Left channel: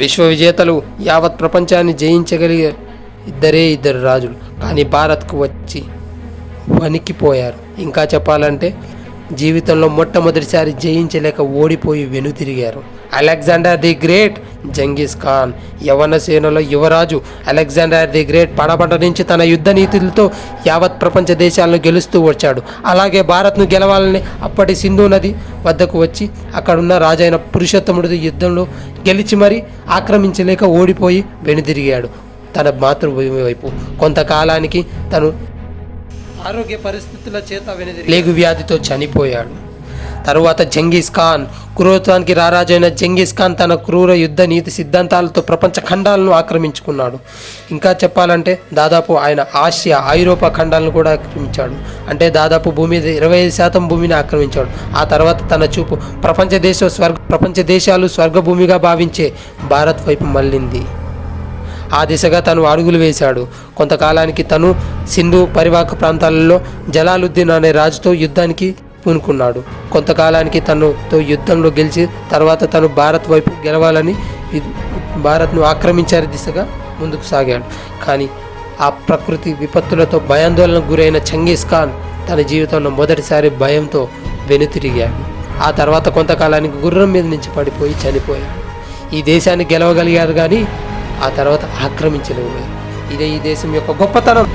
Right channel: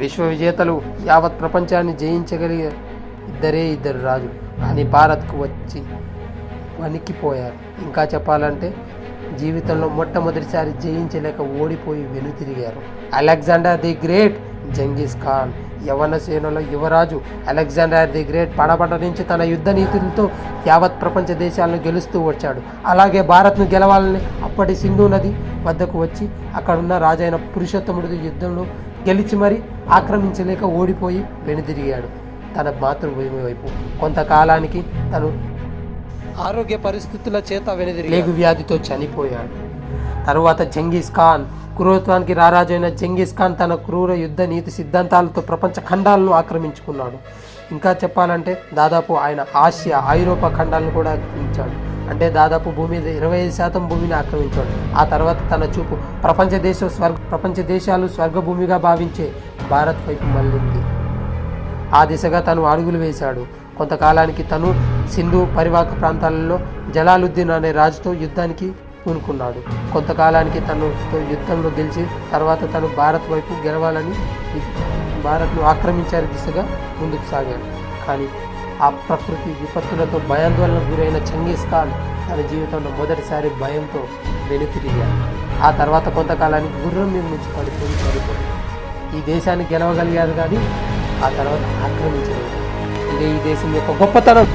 విశ్వ విజేతలు యావత్ ప్రపంచాన్ని జయించగలిగే ఇద్దరు రాజులు, కానీ భారత్కు వచ్చి వణికిపోయారు. ఇంకా చెప్పాలంటే జీవితంలో మొట్టమొదటిసారి జయించలేక ఓడిపోయి వెనుతిరిగారు. Alexander the great, Genghis Khan. యవన సేనలో యువరాజు అలెగ్జాండర్ ది గ్రేట్ పడబడ నుంచి తన యుద్ధ నీతులతో యావత్ ప్రపంచ దేశాలను గెలుస్తూ వచ్చాడు. అలాగే భారత్ను గెలవాలని అప్పటి సింధు నది వద్దకు వచ్చి అక్కడున్న రాజైన పురుషోత్తముడు యుద్ధంలో గెలిచి మరీ ఆక్రమించలేక ఓడిపోయి వెనుదిరిగాడు తన మాతృభూమి వైపు. కొంతకాలానికి తను ఆరోగ్య పరిస్థితుల చేత లేగు వ్యాధితో చనిపోయాడు. తరువాత జంగీస్ ఖాన్, క్రూరత్వానికి రారాజైన జంగీస్ ఖాన్ తన క్రూర యుద్ధ నీతి సిద్ధాంతాలతో ప్రపంచ ఖండాలను ఆక్రమించుకున్నాడు. ఇంకా చెప్పాలంటే దాదాపు ఆయన ఆసియా, ఐరోపా ఖండాలను కూడా ఆక్రమించాడు. అంటే దాదాపు భూమి 25% భూమిని ఆక్రమించాడు. ఆ తర్వాత తన చూపు ప్రపంచ దేశాలు స్వర్గభూమిగా భావించే భారత్ వైపు మళ్ళింది. ఆ దిశగా తను అడుగులు వేశాడు. కొంతకాలానికి తను సింధు పరివాహక ప్రాంతాలలో జలాలుద్దీన్ అనే రాజుతో యుద్ధానికి పూనుకున్నాడు. కొంతకాలానికి తనతో యుద్ధంలో గెలిచి తర్వాత తను భారత్ వైపు గెలవాలని భారత్ను ఆక్రమించారు దిశగా ముందుకు సాగాడు. కానీ ఆ ప్రకృతి విపత్తులతో భయాందోళనకు గురైన జంగీస్ ఖాన్ తన జీవితంలో మొదటిసారి భయంతో వెనుతిరిగాడు. ఆ తర్వాత కొంతకాలానికి గుర్రం మీద నుంచి పడిపోయి చనిపోయాడు. ఈ దేశాన్ని గెలవగలిగారు కానీ ఆ తర్వాత ఆక్రమించలేకపోయారు. ఇదే ఈ దేశం యొక్క గొప్పతనం.